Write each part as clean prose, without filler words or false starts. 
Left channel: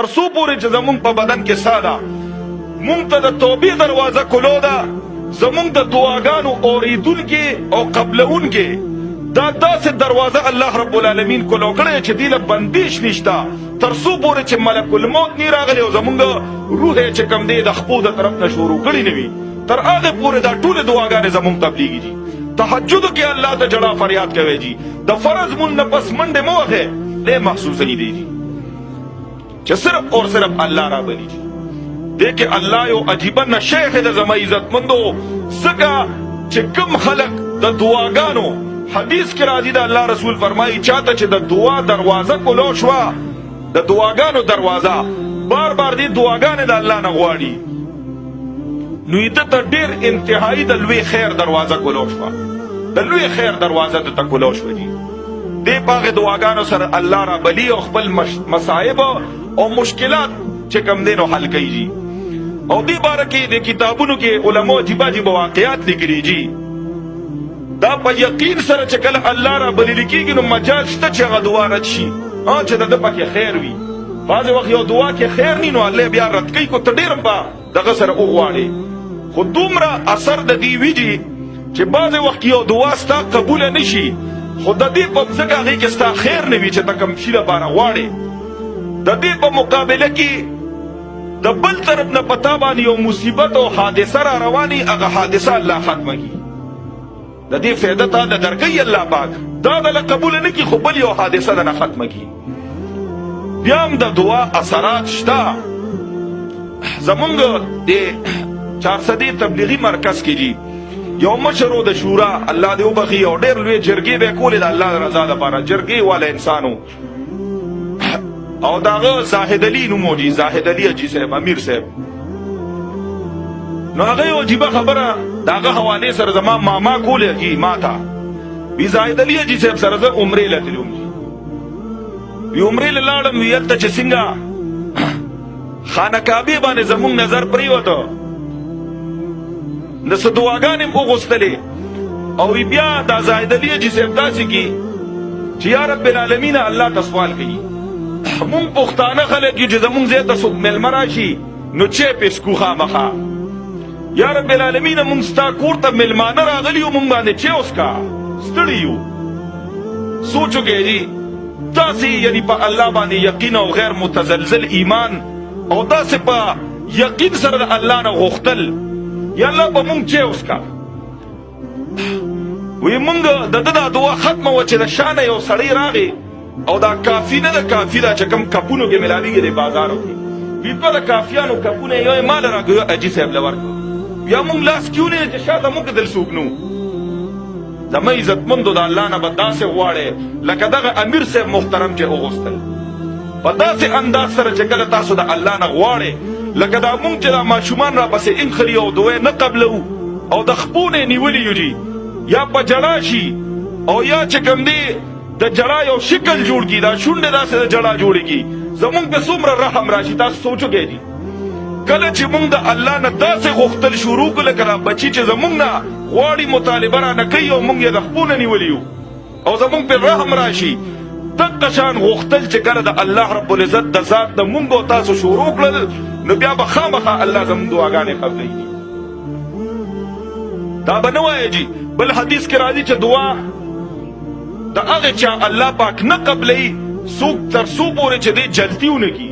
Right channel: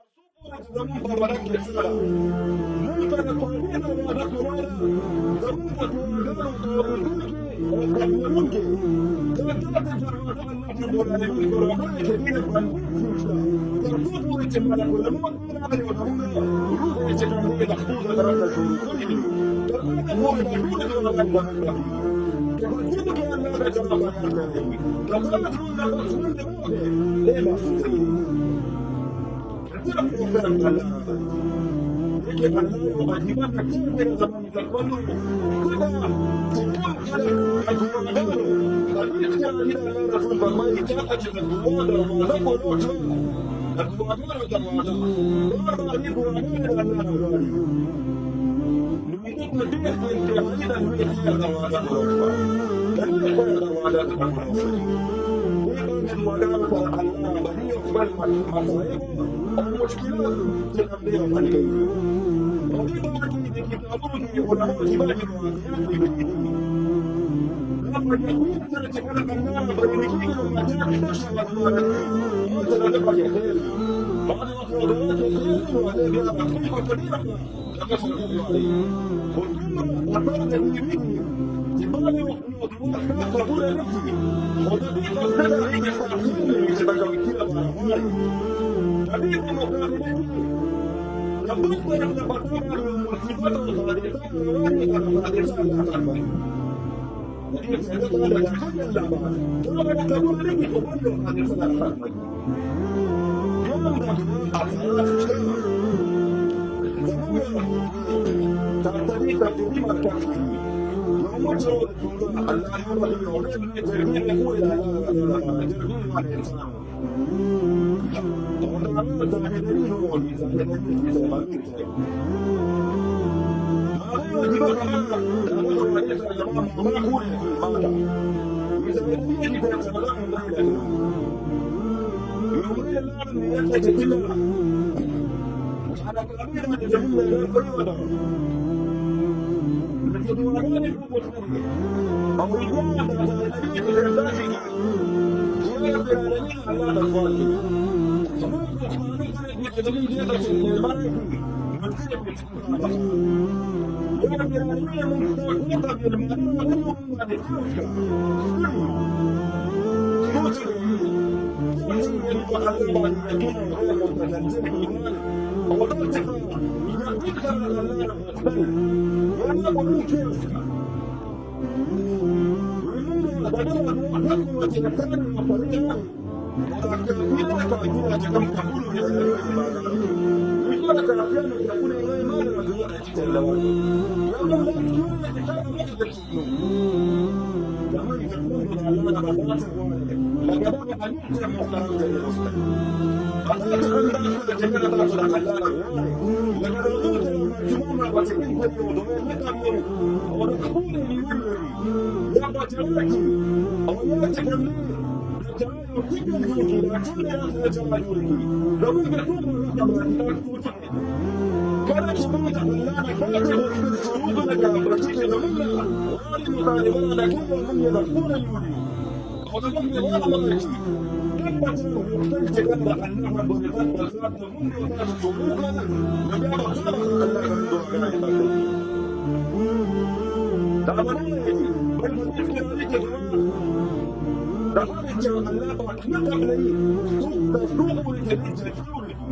ترسو پوری چې زمونږ په بدن کې ساه ده مونږ ته د توبې دروازه کولو ده زمونږ د دعاګانو اورېدونکې او قبلونکې دا داسې دروازه الله رب العالمین کولو کړی چې دې له بندیش نشته ترسو پورې چې ملک الموت نی راغلی او زمونږ روح یې چې کم دی د خپو د طرف نه شروع کړي نه وي تر هغې پورې دا ټولې دعاګانې زمونږ تبلیغي دي تهجدو کې الله ته جړا فریاد کوي جي د فرض مون نه پس منډې مه وهئ دی محسوسوي دی جي چې صرف اور صرف الله را بلی جي دې کې الله یو عجیبه نشه د زما عزتمندو ځکه چې کوم خلق د دعاګانو حدیث کې راځي د الله رسول فرمایي چاته چې د دعا دروازه کولو شوه د دعاګانو دروازه بار بار دې دعاګانې د الله نه غواړي نو یې ته ډېر انتهایی د لوی خیر دروازه کولو شوه د لوی خیر دروازه ته کولو شوه دي دې په هغې دعاګانو سره الله را بلی او خپل مصائب او مشکلات چې کم دی نو حل کوي جي او دې باره کې د کتابونو کې علماء عجیبه عجیبه واقعات لیکلي جي دا په یقین سره چې کله الله را بللی کېږي نو مجال شته چې هغه دعا رد شي چې د ده پکې خیر وي بعضې وخت یو دعا کې خیر نی نو الله بیا رد کوي کو ته ډېر هم په دغه سره وغواړې خو دومره اثر د دې وي جي چې بعضې وخت یو دعا ستا قبوله نه شي خو د دې په ځکه هغې کې ستا خیر نه وي چې ته کوم شي لپاره غواړې د دې په مقابله کې د بل طرف نه پتا باندې یو مصیبت او حادثه را رواني هغه حادثه الله ختمه کړي د دې فایده ته د درکوي الله پاک دا دله قبوله نه کړي خو بل یو حادثه دله ختمه کړي بیا هم د دعا اثرات شته زمونږ د چارسدي تبلیغي مرکز کې جي یو مشر و د شورا الله دې وبخي او ډېر لوی جرګې به یې کولې د الله رضا دپاره جرګې والا انسان او داغه زاهد علي نوم و جي زاهد علي حاجي صاحب امیر صاحب نو هغه یو عجیبه خبره د هغه حوالې سره زما ماما کولې جي ما ته وي زاهد علي حاجي صاحب سره زه عمرې له تللی وم وي عمرې له لاړم وي هلته چې څنګه خانه کعبې باندې زمونږ نظر پرېوته د څه دعاګانې م وغوښتلې او بیا دا زاهد علي حاجي صاحب داسې کي چې یا رب العالمین الله ته سوال کوي مونږ پښتانه خلک یو چې زمونږ ځای ته څوک میلمه راشي نو چای پې څکو خامخا یا رب العالمین مونږ ستا کور ته میلمانه راغلي یو مونږ باندې چای وڅکه ستړي یو سوچ وکړئ جي داسې یعنې په الله باندې یقین او غیر متزلزل ایمان او داسې په یقین سره د الله نه غوښتل یا الله به مونږ چای وڅکه وی مونږ د ده دا دعا ختمه وه چې د شا نه یو سړی راغی او دا کافی نه ده کافي ده چې کوم کپونو کې ملاویږي د بازارو کې وي دوه د کافیانو کپونه یو یې ما له راکړو حاجي صاحب له ورکړو بیا مونږ لاس کې ونیو چې شاته مونږ دل څوک نه وو زما عزتمندو د الله نه به داسې غواړې لکه دغه امیر صاحب محترم چې وغوښتل په داسې انداز سره چې کله تاسو د الله نه غواړې لکه دا مونږ چې دا ماشومان راپسې انخلي او دوی نه قبلو او د خپو نه یې نیولي یو جي یا په جړا شي او یا چې کوم دی د جړا یو شکل جوړ کی دا شونډې داسې د جړا جوړېږي زمونږ پې څومره رحم راشي تاسو سوچ وکئ جي کله چې مونږ د الله نه داسې غوښتل شروع کړو لکه دا بچي چې زمونږ نه غواړي مطالبه رانه کوي او مونږ یې د خپو نه نیولي یو او زمونږ پې رحم راشي دغه شان غوښتل چې کله د الله رب العزت د ذات د مونږ او تاسو شروع کړل نو بیا به خامخا الله زمونږ دعاګانې قبلوي دا به نه وایه جي بل حدیث کې راځي چې دعا د هغه چا الله پاک نه قبلوي څوک تر څو پورې چې دی جلتي ونه کي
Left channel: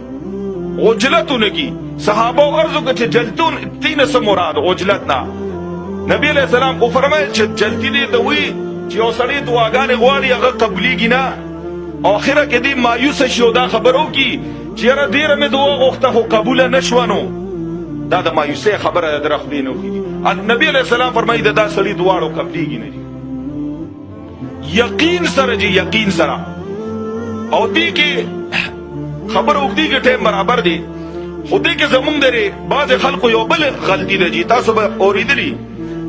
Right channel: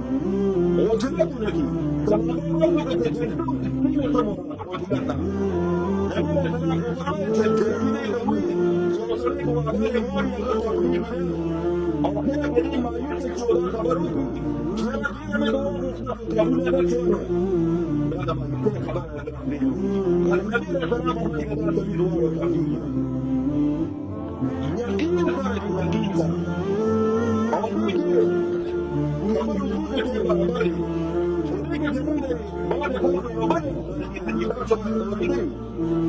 عجلت ونه کي صحابه عرض وکړه چې جلتون دې نه څه مراد عجلت نه نبي علیه السلام وفرمایل چې جلتي دې ته وي چې یو سړی دعاګانې غواړي هغه قبلیږي نه اخره کې دې مایوسه شي او دا خبره وکړي چې یاره ډېره مې دعا غوښته خو قبوله نه شوه نو دا د مایوسۍ خبره ده د رخلې نه وکړي نبي علیه السلام فرمایي د دا سړي دواړو قبلیږي نه دي یقین سره جي یقین سره او دې کې خبره اوږدې کې ټایم برابر دی خو دې کې زمونږ درې بعضې خلکو یو بل غلطي ده جي تاسو به اورېدلي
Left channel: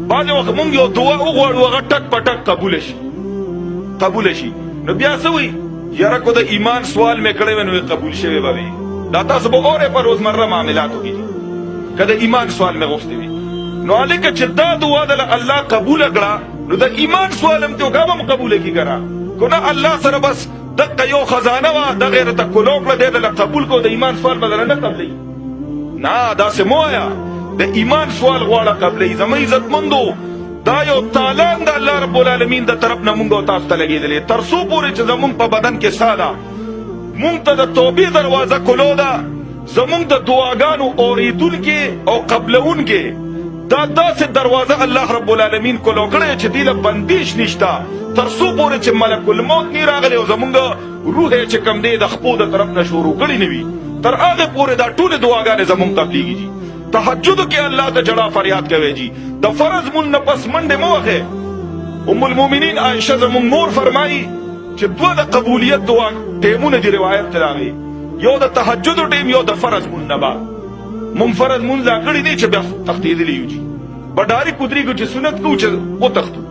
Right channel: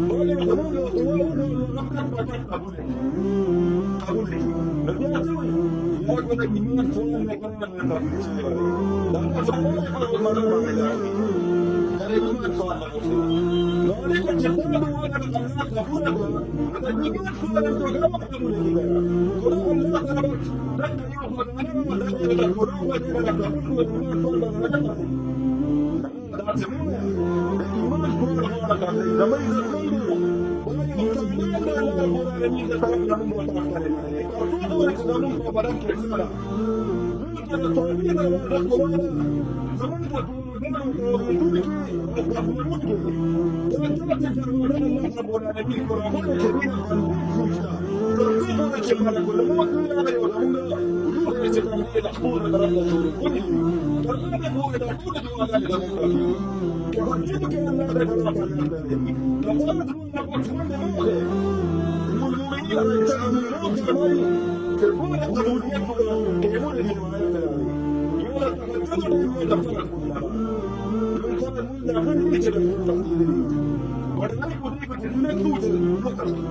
بعضې وخت مونږ یو دعا وغواړو هغه ټک په ټک قبوله شي نو بیا څه وایي یاره کو د ایمان سوال مې کړی وی نو قبول شوی به وي دا تاسو به اورئ په روزمره معاملاتو کې که د ایمان سوال مې غوښتی وي نو هلکه چې دا دعا دله الله قبوله کړه نو د ایمان سوال هم ته هغه هم قبوله کړي که نه الله سره بس دغه یو خزانه وه دغه یې راته کلو کړه دی دله قبول کو د ایمان سوال به درنه قبلوي نه داسې مه وایه د ایمان سوال غواړه قبلوي زما عزتمندو دا یو تالان د الله رب العالمین د طرف نه مونږ او تاسو ته لګېدلې تر څو پورې چې زمونږ په بدن کې ساه ده مونږ ته د توبې دروازه کلو ده زمونږ د دعاګانو اورېدونکې او قبلونکې دا داسې دروازه الله رب العالمین کلو کړی چې دې له بندیش نشته تر څو پورې چې ملک الموت نه راغلی او زمونږ روح یې چې کوم دی د خپو د طرف نه شروع کړی نه وي تر هغې پورې دا ټولې دعاګانې زمونږ قبلېږي جي تهجدو کې الله ته جړا فریاد کوي جي د فرض مون نه پس منډې مه وهئ ام المؤمنین عایشه زمونږ مور فرمایي چې دوه د قبولیت دعا ټیمونه دي روایت ته راغلي یو د تهجدو ټیم یو د فرض مون نه بعد مونږ فرض مونږ لا کړی دی چې بیا تښتېدلي یو جي به ډارې ودرېږو چې سنت کوو چې وتښتو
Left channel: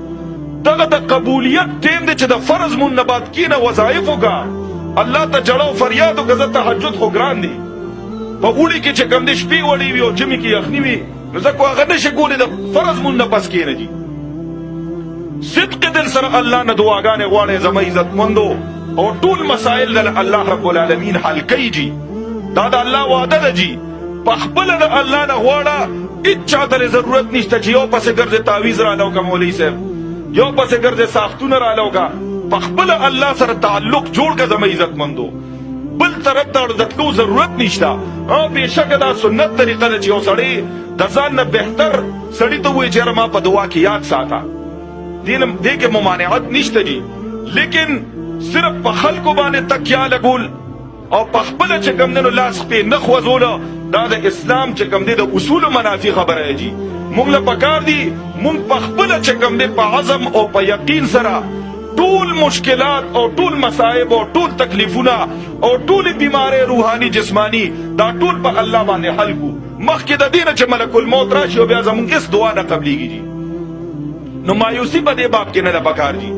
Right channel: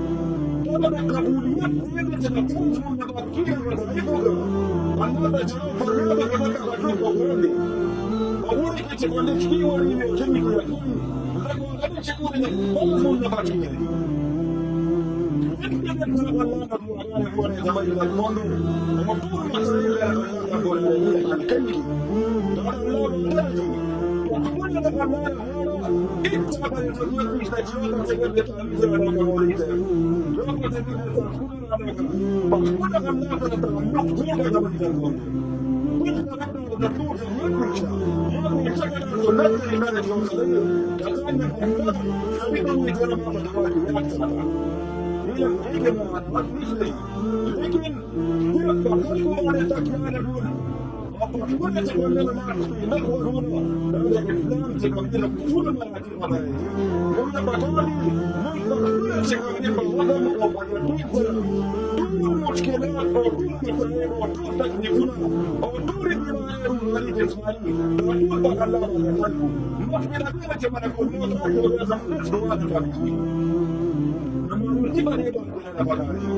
دغه د قبولیت ټیم دی چې د فرض مون نه بعد کښېنه وظایف وکړه الله ته جړه او فریاد وکړه زه تهجد خو ګران دی په اوړي کې چې کوم دی شپې وړې وي او ژمي کې یخني وي نو ځکه هغه نشي کولی د فرض مون نه پس کښېنه جي صدق دل سره الله نه دعاګانې غواړئ زما عزتمندو او ټول مسایل د الله رب العالمین حل کوي جي دا د الله وعده ده جي پخپله د الله نه غواړه هېڅ چاته ضرورت نشته چې یو پسې ګرځې تعویز راله وکړه مولوي صاحب یو پسې ګرځې ساختونه راله وکړه پخپله الله سره تعلق جوړ کړه زما عزتمندو بل طرف ته د تلو ضرورت نشته بېشکه دا سنت طریقه ده چې یو سړی د ځان نه بهتر سړي ته ووایي چې یاره ما په دعا کې یاد ساته دې کې ممانعت نشته جي لیکن صرف په خلکو باندې تکیه لګول او پخپله چې کوم دی نو لاس پې نه خوځوله دا د اسلام چې کوم دی د اصولو منافي خبره جي مونږ له پکار دي مونږ پخپله چې کوم دی په عزم او په یقین سره ټول مشکلات او ټول مصائب او ټول تکلیفونه او ټول بیماری روحاني جسمانی دا ټول په الله باندې حل کو مخکې د دې نه چې ملک الموت راشي او بیا زمونږ هېڅ دعا نه قبلېږي جي نو مایوسي په دې باب کې نه ده پکار جي